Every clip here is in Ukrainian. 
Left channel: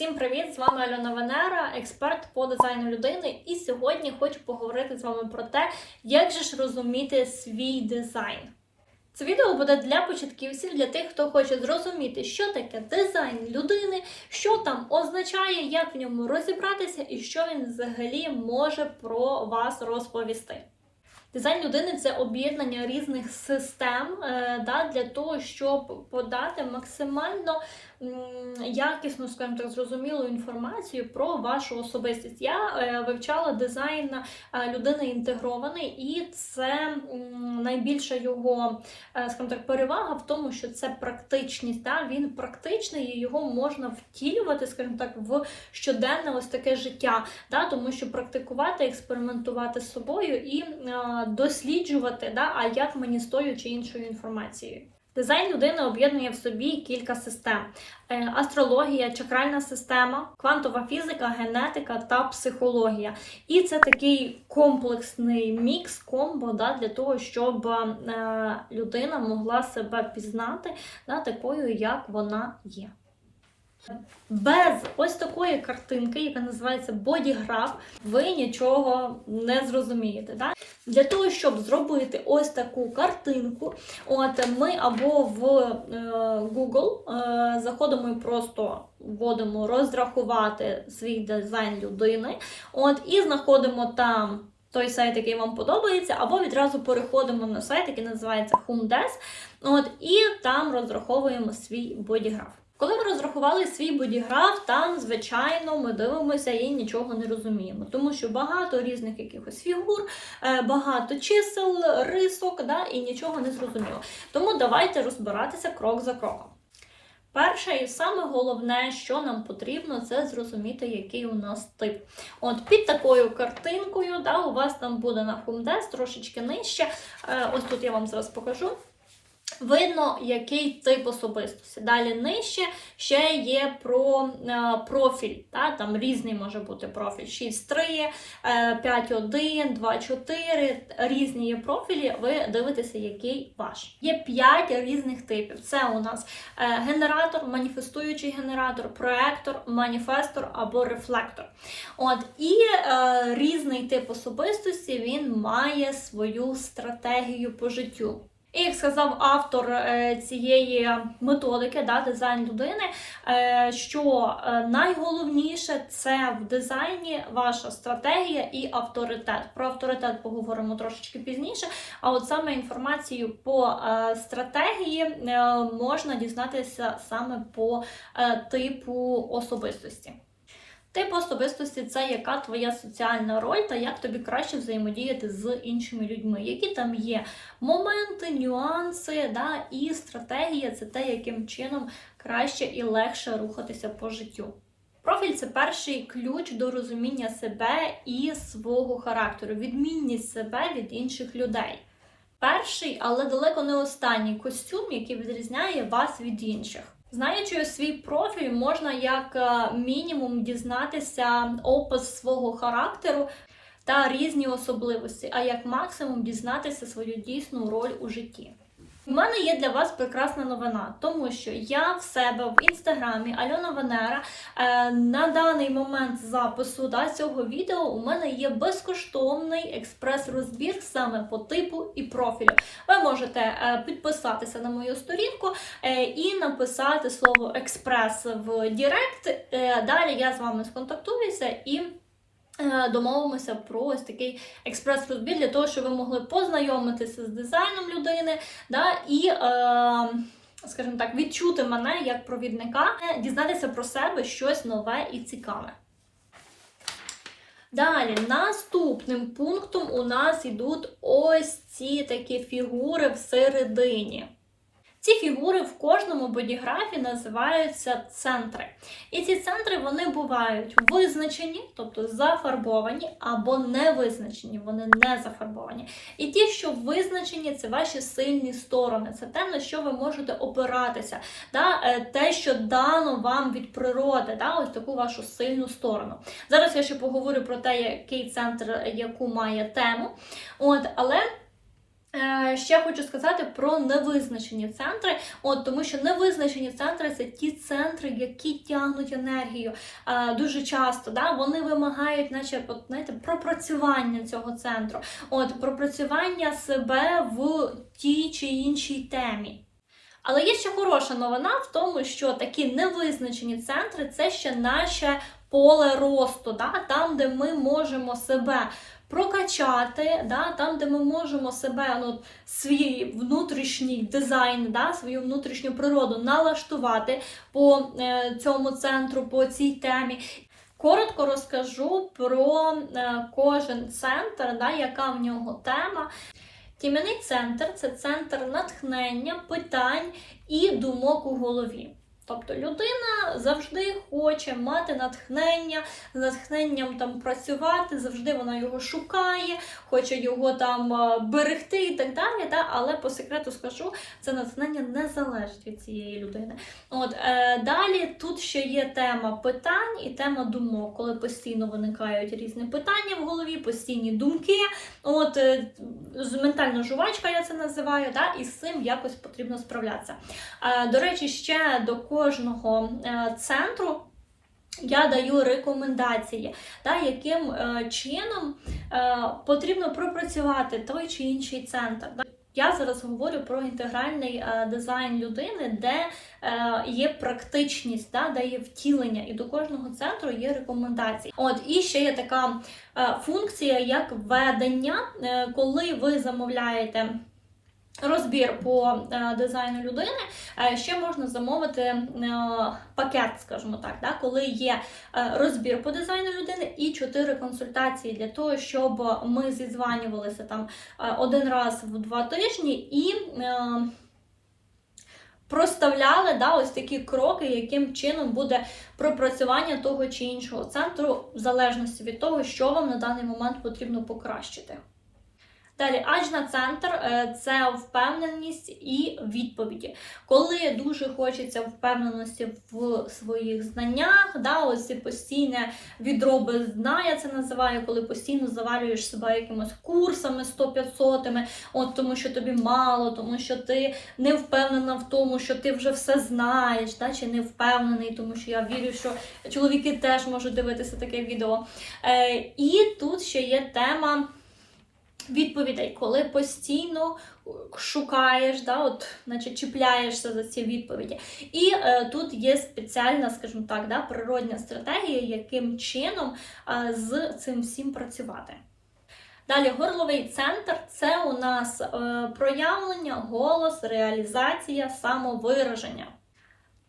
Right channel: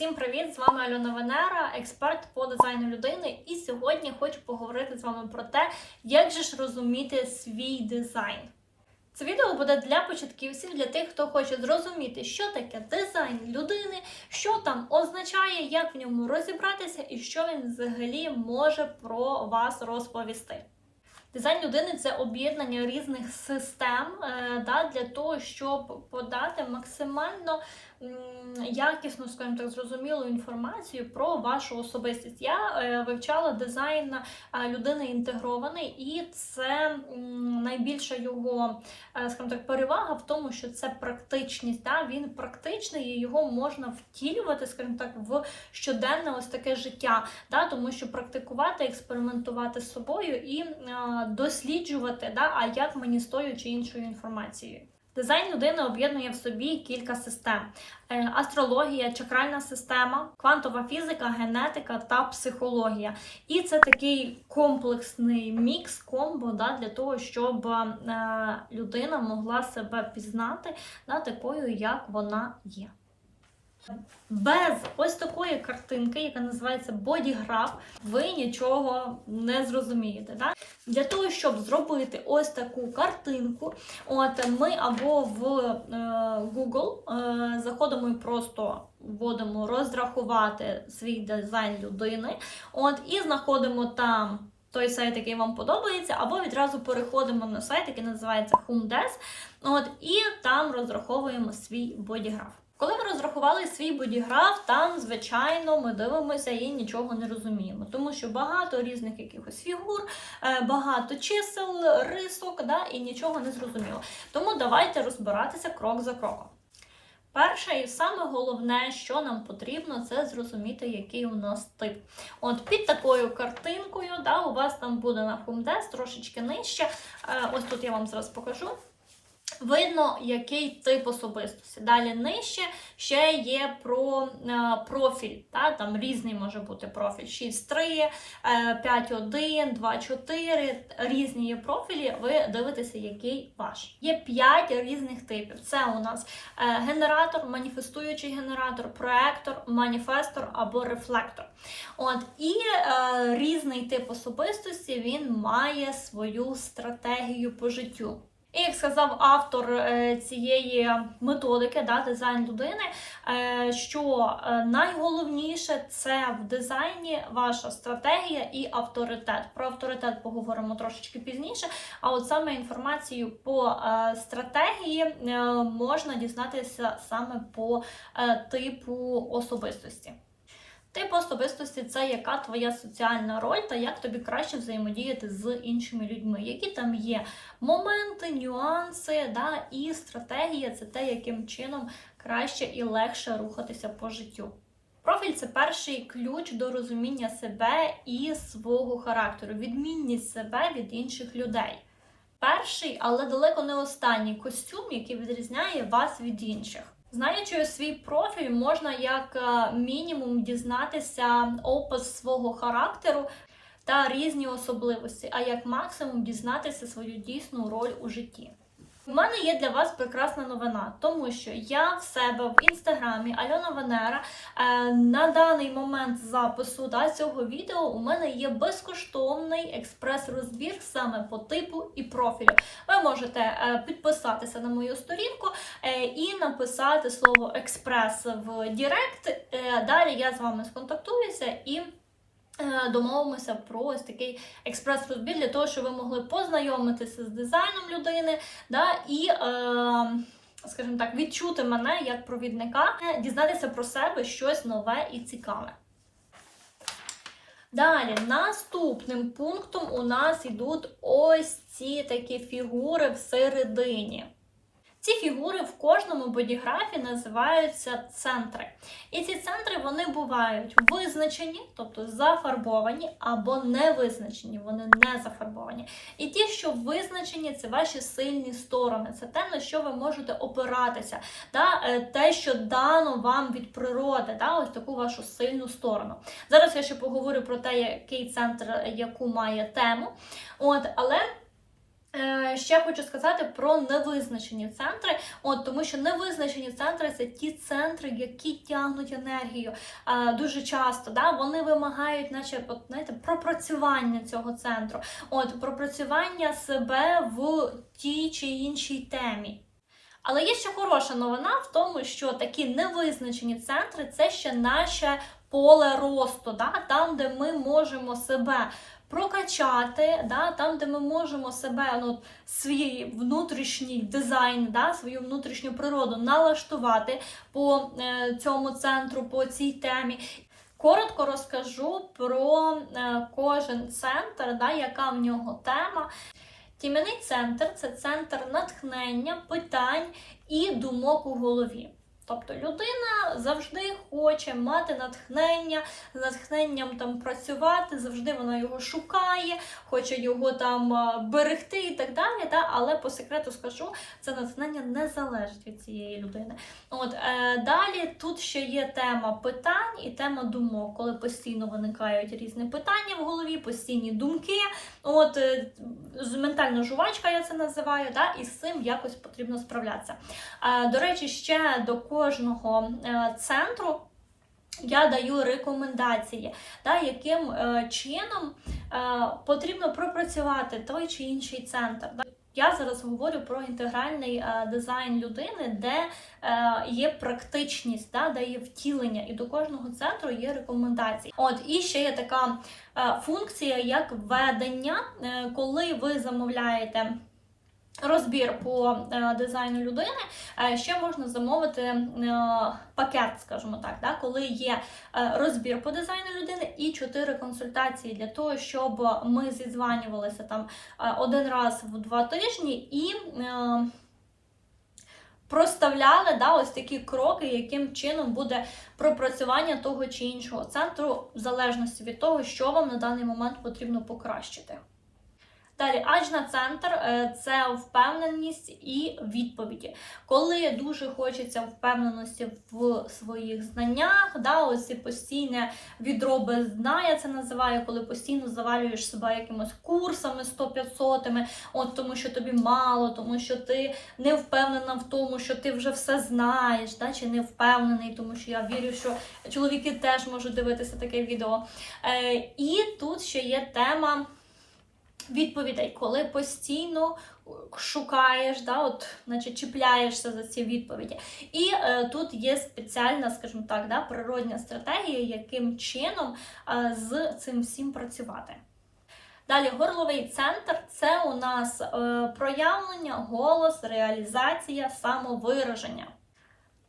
Усім привіт! З вами Альона Венера, експерт по дизайну людини. І сьогодні хочу поговорити з вами про те, як же ж розуміти свій дизайн. Це відео буде для початківців, для тих, хто хоче зрозуміти, що таке дизайн людини, що там означає, як в ньому розібратися і що він взагалі може про вас розповісти. Дизайн людини це об'єднання різних систем е, да, для того, щоб подати максимально якісну, скажімо так, зрозумілу інформацію про вашу особистість. Я е, вивчала дизайн е, людини інтегрований, і це найбільша його, е, скажімо так, перевага в тому, що це практичність. Да? Він практичний і його можна втілювати, скажімо так, в щоденне ось таке життя, да? тому що практикувати, експериментувати з собою і досліджувати, да? а як мені з тою чи іншою інформацією. Дизайн людини об'єднує в собі кілька систем: Е, астрологія, чакральна система, квантова фізика, генетика та психологія. І це такий комплексний мікс комбо да, для того, щоб е, людина могла себе пізнати да, такою, як вона є. Без ось такої картинки, яка називається бодіграф, ви нічого не зрозумієте. Да? Для того, щоб зробити ось таку картинку, от ми або в е, Google е, заходимо і просто вводимо розрахувати свій дизайн людини, от, і знаходимо там. Той сайт, який вам подобається, або відразу переходимо на сайт, який називається HomeDes, от, і там розраховуємо свій бодіграф. Коли ми розрахували свій бодіграф, там, звичайно, ми дивимося і нічого не розуміємо, тому що багато різних якихось фігур, е, багато чисел, рисок, да, і нічого не зрозуміло. Тому давайте розбиратися крок за кроком. Перше і саме головне, що нам потрібно, це зрозуміти, який у нас тип. От під такою картинкою, да, у вас там буде на FumDes трошечки нижче. Е, ось тут я вам зараз покажу. Видно, який тип особистості. Далі нижче ще є про е, профіль. Та? Там різний може бути профіль 6.3, е, 5.1, 2.4. Різні є профілі, ви дивитеся, який ваш. Є 5 різних типів. Це у нас е, генератор, маніфестуючий генератор, проектор, маніфестор або рефлектор. От, І е, різний тип особистості він має свою стратегію по життю. І як сказав автор е, цієї методики, да, дизайн людини, е, що е, найголовніше це в дизайні ваша стратегія і авторитет. Про авторитет поговоримо трошечки пізніше. А от саме інформацію по стратегії можна дізнатися саме по типу особистості. Тип особистості це яка твоя соціальна роль та як тобі краще взаємодіяти з іншими людьми, які там є моменти, нюанси, да, і стратегія це те, яким чином краще і легше рухатися по життю. Профіль це перший ключ до розуміння себе і свого характеру, відмінність себе від інших людей. Перший, але далеко не останній костюм, який відрізняє вас від інших. Знаючи свій профіль, можна як е, мінімум дізнатися опис свого характеру та різні особливості, а як максимум дізнатися свою дійсну роль у житті. У мене є для вас прекрасна новина, тому що я в себе в інстаграмі Альона Венера е, на даний момент запису да, цього відео у мене є безкоштовний експрес-розбір саме по типу і профілю. Ви можете е, підписатися на мою сторінку е, і написати слово експрес в Директ. Е, далі я з вами сконтактуюся і. Е, домовимося про ось такий експрес-розбір для того, щоб ви могли познайомитися з дизайном людини, да, і, е, скажімо так, відчути мене як провідника, дізнатися про себе щось нове і цікаве. Далі, наступним пунктом у нас йдуть ось ці такі фігури всередині. Ці фігури в кожному бодіграфі називаються центри. І ці центри вони бувають визначені, тобто зафарбовані, або не визначені, вони не зафарбовані. І ті, що визначені, це ваші сильні сторони, це те, на що ви можете опиратися, да? Е, те, що дано вам від природи, да? ось таку вашу сильну сторону. Зараз я ще поговорю про те, який центр яку має тему. От, Але. Е, Ще хочу сказати про невизначені центри, от тому що невизначені центри це ті центри, які тягнуть енергію е, дуже часто. Да? Вони вимагають, наче знаєте, пропрацювання цього центру, от пропрацювання себе в тій чи іншій темі. Але є ще хороша новина в тому, що такі невизначені центри це ще наше поле росту, да? там, де ми можемо себе прокачати, да? там, де ми можемо себе ну, свій внутрішній дизайн, да? свою внутрішню природу налаштувати по е, цьому центру, по цій темі. Коротко розкажу про е, кожен центр, да, яка в нього тема. Тім'яний центр це центр натхнення, питань і думок у голові. Тобто людина завжди хоче мати натхнення, з натхненням там працювати, завжди вона його шукає, хоче його там е, берегти і так далі. Та? Але по секрету скажу, це натхнення не залежить від цієї людини. От е, далі тут ще є тема питань і тема думок, коли постійно виникають різні питання в голові, постійні думки. От е, ментальна жувачка, я це називаю, та? і з цим якось потрібно справлятися. Е, До речі, ще до кожного е, центру. Я даю рекомендації, та, яким е, чином е, потрібно пропрацювати той чи інший центр. Я зараз говорю про інтегральний дизайн людини, де є практичність, да, де є втілення, і до кожного центру є рекомендації. От і ще є така функція, як ведення, е, коли ви замовляєте. Розбір по е, дизайну людини е, ще можна замовити е, пакет, скажімо так, да, коли є розбір по дизайну людини і чотири консультації для того, щоб ми зізванювалися там один раз в два тижні і проставляли да, ось такі кроки, яким чином буде пропрацювання того чи іншого центру, в залежності від того, що вам на даний момент потрібно покращити. Далі, аджна центр е, це впевненість і відповіді. Коли дуже хочеться впевненості в своїх знаннях, да, ось ці постійне відро без дна, я це називаю, коли постійно завалюєш себе якимось курсами 100-500, от тому що тобі мало, тому що ти не впевнена в тому, що ти вже все знаєш, да, чи не впевнений, тому що я вірю, що чоловіки теж можуть дивитися таке відео. Е, і тут ще є тема відповідей, коли постійно шукаєш, да, от, значить, чіпляєшся за ці відповіді. І е, тут є спеціальна, скажімо так, да, природня стратегія, яким чином е, з цим всім працювати. Далі, горловий центр це у нас е, проявлення, голос, реалізація, самовираження.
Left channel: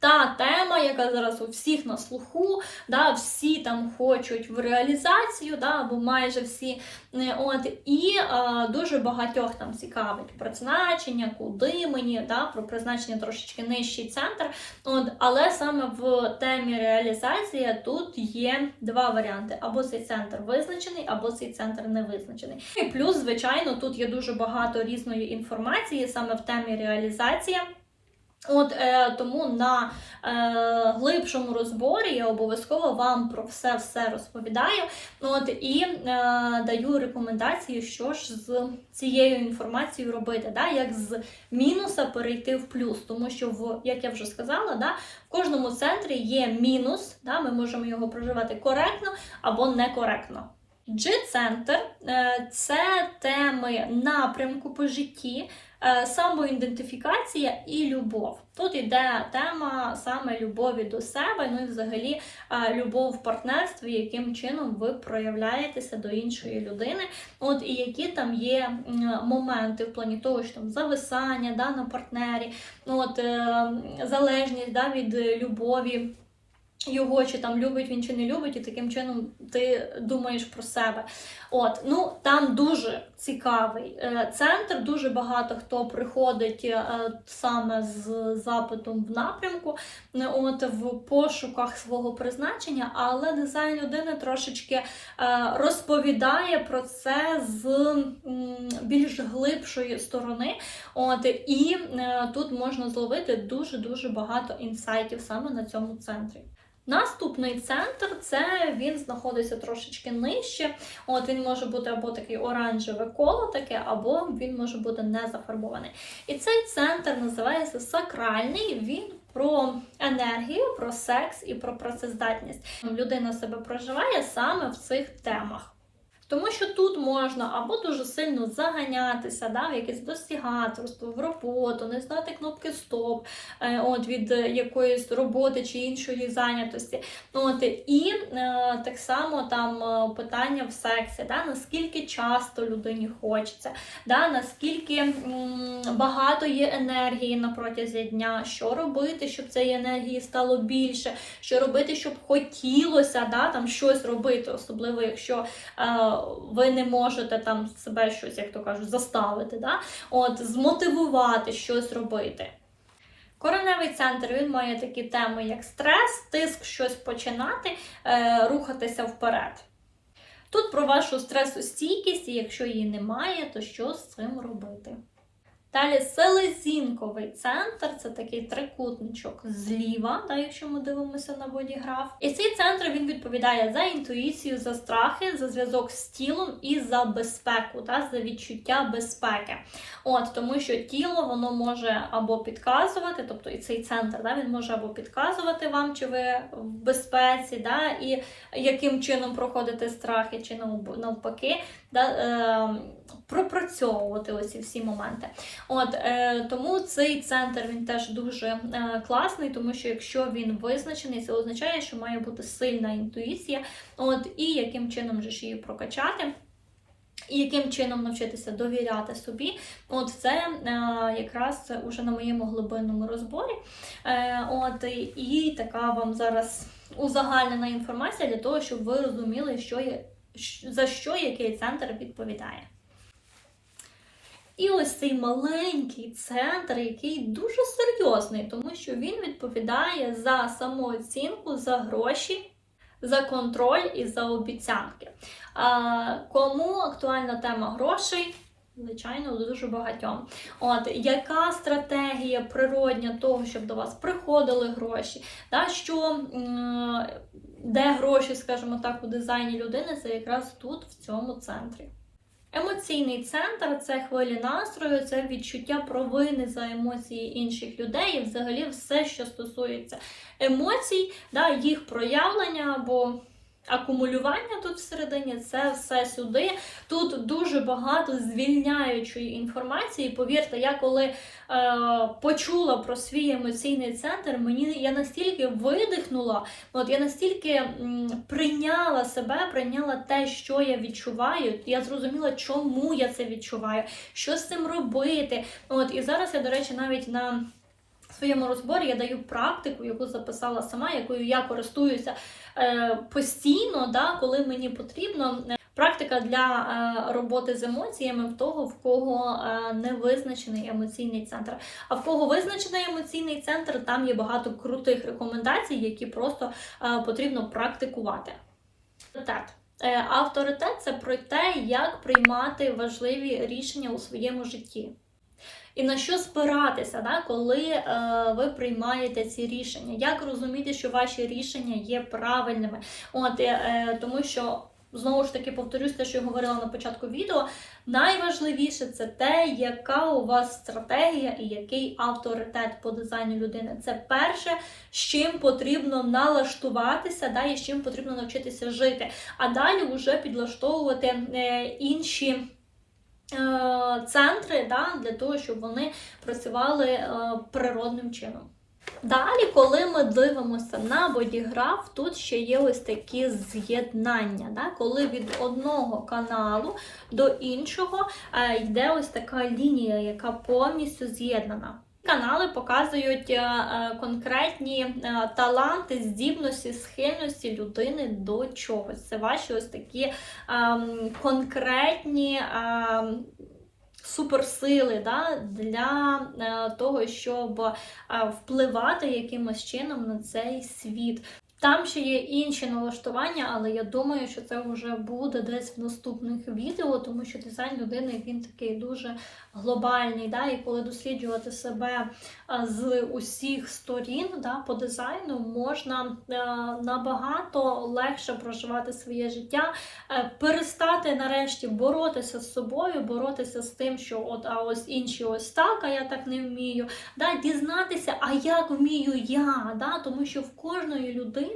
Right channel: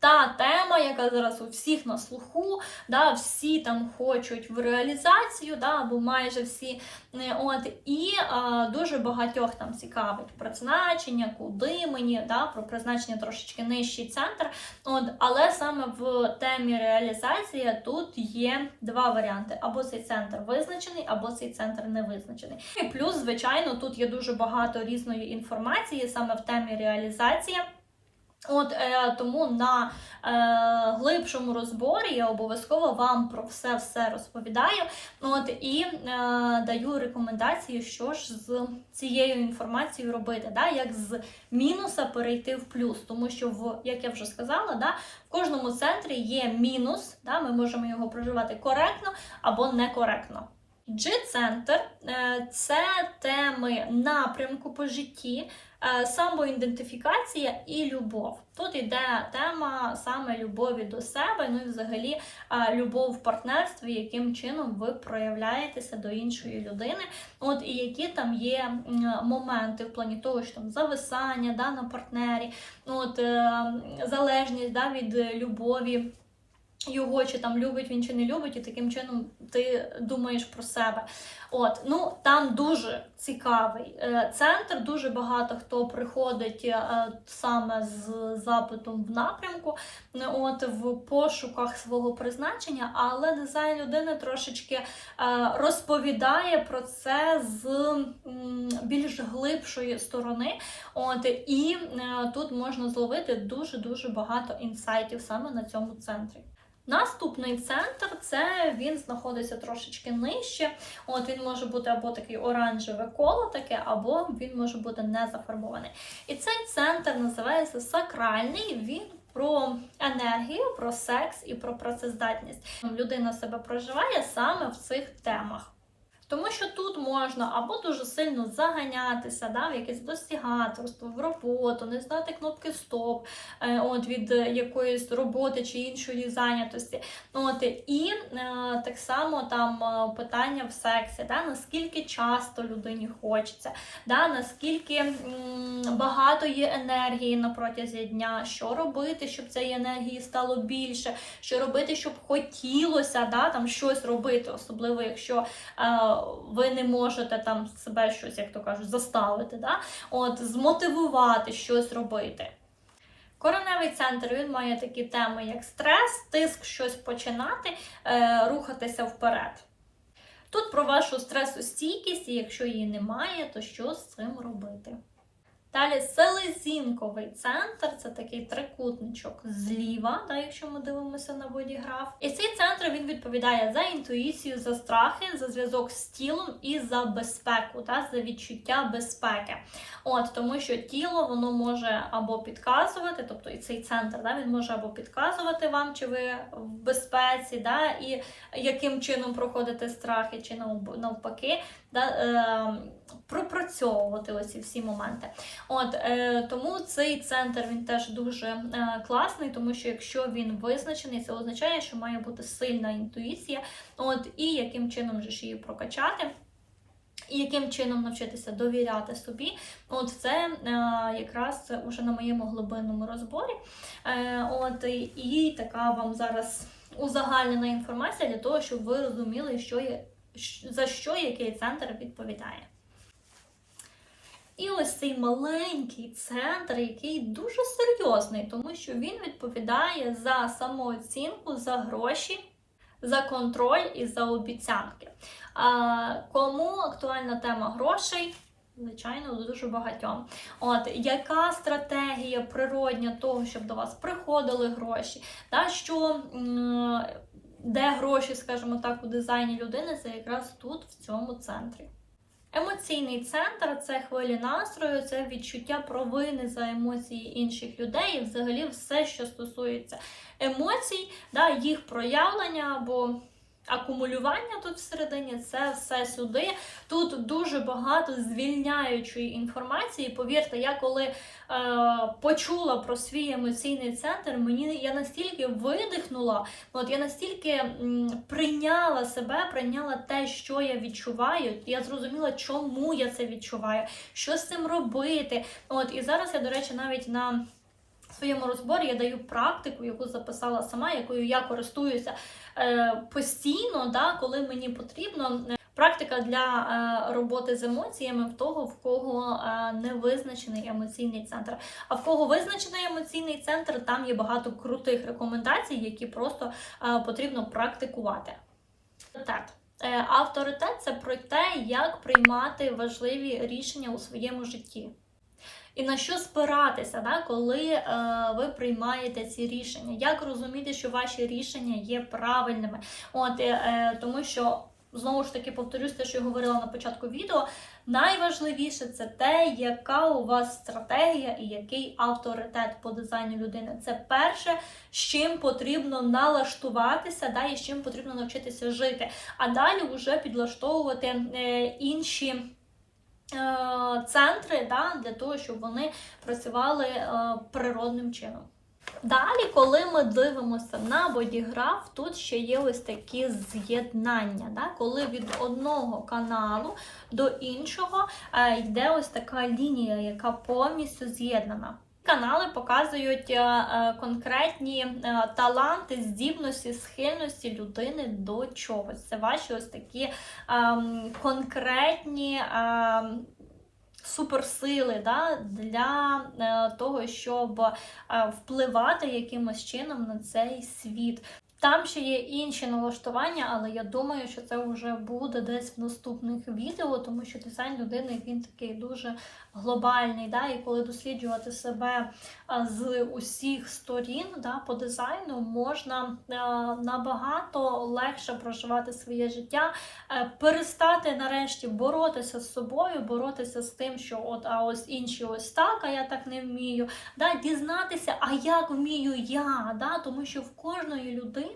Та тема, яка зараз у всіх на слуху, да, всі там хочуть в реалізацію, да, або майже всі. Е, От, і е, дуже багатьох там цікавить призначення, куди мені, да, про призначення трошечки нижчий центр. От, але саме в темі реалізація тут є два варіанти: або цей центр визначений, або цей центр не визначений. І плюс, звичайно, тут є дуже багато різної інформації саме в темі реалізації. От е, тому на е, глибшому розборі я обов'язково вам про все все розповідаю. От і е, даю рекомендації, що ж з цією інформацією робити, да, як з мінуса перейти в плюс. Тому що, в, як я вже сказала, да, в кожному центрі є мінус, да, ми можемо його проживати коректно або некоректно. G-центр е, це теми напрямку по житті, самоідентифікація і любов. Тут йде тема саме любові до себе, ну і взагалі е, любов в партнерстві, яким чином ви проявляєтеся до іншої людини. От і які там є моменти в плані того, що там зависання да, на партнері, от е, залежність да, від любові. Його чи там любить він чи не любить, і таким чином ти думаєш про себе. От, ну там дуже цікавий е, центр. Дуже багато хто приходить е, саме з запитом в напрямку, е, от в пошуках свого призначення, але дизайн людини трошечки розповідає про це з більш глибшої сторони. От і тут можна зловити дуже дуже багато інсайтів саме на цьому центрі. Наступний центр це він знаходиться трошечки нижче. От він може бути або такий оранжеве коло, таке, або він може бути не зафарбований. І цей центр називається сакральний. Він про енергію, про секс і про працездатність. Людина себе проживає саме в цих темах. Тому що тут можна або дуже сильно заганятися, да, в якесь достігаторство, в роботу, не знати кнопки стоп е, от, від якоїсь роботи чи іншої зайнятості. От, І е, так само там е, питання в сексі, да, наскільки часто людині хочеться, да, наскільки м, багато є енергії на протязі дня, що робити, щоб цієї енергії стало більше, що робити, щоб хотілося да, там, щось робити, особливо якщо. Е, ви не можете там себе щось, як то кажуть, заставити, да? От, змотивувати щось робити. Кореневий центр він має такі теми, як стрес, тиск щось починати, е, рухатися вперед. Тут про вашу стресостійкість, і якщо її немає, то що з цим робити? Далі селезінковий центр це такий трикутничок зліва, да, якщо ми дивимося на бодіграф. І цей центр він відповідає за інтуїцію, за страхи, за зв'язок з тілом і за безпеку, да, за відчуття безпеки. От Тому що тіло воно може або підказувати, тобто і цей центр да, він може або підказувати вам, чи ви в безпеці, да, і яким чином проходити страхи, чи навпаки, да, е, пропрацьовувати ось всі моменти. От е, Тому цей центр він теж дуже е, класний, тому що якщо він визначений, це означає, що має бути сильна інтуїція, от і яким чином же ж її прокачати. І яким чином навчитися довіряти собі, от це е, якраз уже на моєму глибинному розборі. Е, от І така вам зараз узагальнена інформація для того, щоб ви розуміли, що є, за що який центр відповідає. І ось цей маленький центр, який дуже серйозний, тому що він відповідає за самооцінку, за гроші, за контроль і за обіцянки. А, Кому актуальна тема грошей? Звичайно, дуже багатьом. От яка стратегія природня того, щоб до вас приходили гроші? Та що де гроші, скажімо так, у дизайні людини, це якраз тут, в цьому центрі. Емоційний центр це хвилі настрою, це відчуття провини за емоції інших людей, і взагалі все, що стосується емоцій, да, їх проявлення або акумулювання тут всередині, це все сюди. Тут дуже багато звільняючої інформації. Повірте, я коли е, почула про свій емоційний центр, мені я настільки видихнула, от я настільки м, прийняла себе, прийняла те, що я відчуваю. Я зрозуміла, чому я це відчуваю, що з цим робити. От І зараз я, до речі, навіть на своєму розборі я даю практику, яку записала сама, якою я користуюся постійно, да, коли мені потрібно. Практика для е, роботи з емоціями в того, в кого е, не визначений емоційний центр. А в кого визначений емоційний центр, там є багато крутих рекомендацій, які просто е, потрібно практикувати. Так. Е, авторитет це про те, як приймати важливі рішення у своєму житті. І на що спиратися, да, коли е, ви приймаєте ці рішення? Як розуміти, що ваші рішення є правильними? От, е, Тому що, знову ж таки, повторюсь те, що я говорила на початку відео. Найважливіше це те, яка у вас стратегія і який авторитет по дизайну людини. Це перше, з чим потрібно налаштуватися, да, і з чим потрібно навчитися жити. А далі вже підлаштовувати е, інші. Е, центри да, для того, щоб вони працювали е, природним чином. Далі, коли ми дивимося на бодіграф, тут ще є ось такі з'єднання. Да? Коли від одного каналу до іншого е, йде ось така лінія, яка повністю з'єднана. Канали показують е, е, конкретні е, таланти, здібності, схильності людини до чогось. Це ваші ось такі ем, конкретні. Ем, суперсили да, для того, щоб впливати якимось чином на цей світ. Там ще є інші налаштування, але я думаю, що це вже буде десь в наступних відео, тому що дизайн людини він такий дуже глобальний. Да? І коли досліджувати себе з усіх сторін да, по дизайну, можна набагато легше проживати своє життя, е, перестати нарешті боротися з собою, боротися з тим, що от а ось інші ось так, а я так не вмію. Да? Дізнатися, а як вмію я, да? тому що в кожної людини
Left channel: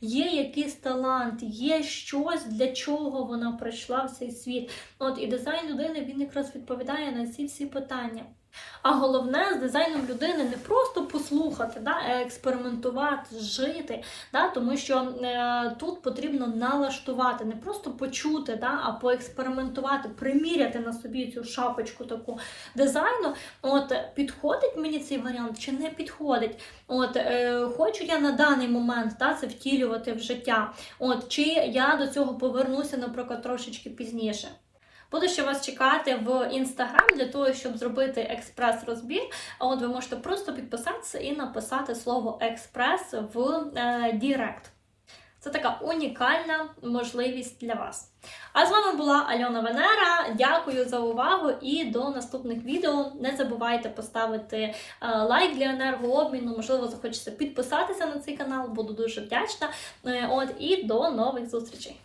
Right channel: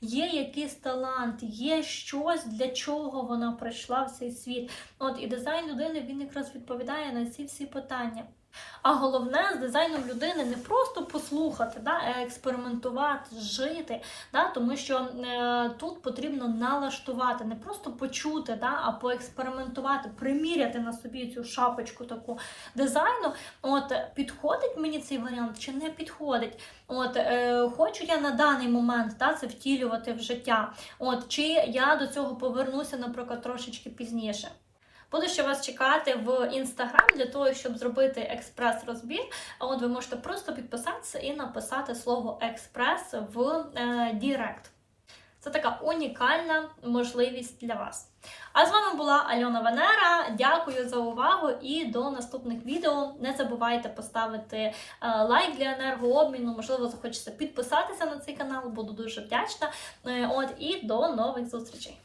є якийсь талант, є щось, для чого вона прийшла в цей світ. От і дизайн людини він якраз відповідає на ці всі питання. А головне з дизайном людини не просто послухати, да, а експериментувати, жити, да, тому що е, тут потрібно налаштувати, не просто почути, да, а поекспериментувати, приміряти на собі цю шапочку таку дизайну. От підходить мені цей варіант чи не підходить? От е, хочу я на даний момент да, це втілювати в життя. От чи я до цього повернуся, наприклад, трошечки пізніше. Буду ще вас чекати в інстаграм для того, щоб зробити експрес-розбір. А от ви можете просто підписатися і написати слово експрес в е, Дірект. Це така унікальна можливість для вас. А з вами була Альона Венера. Дякую за увагу і до наступних відео. Не забувайте поставити е, лайк для енергообміну. Можливо, захочеться підписатися на цей канал, буду дуже вдячна. Е, От і до нових зустрічей.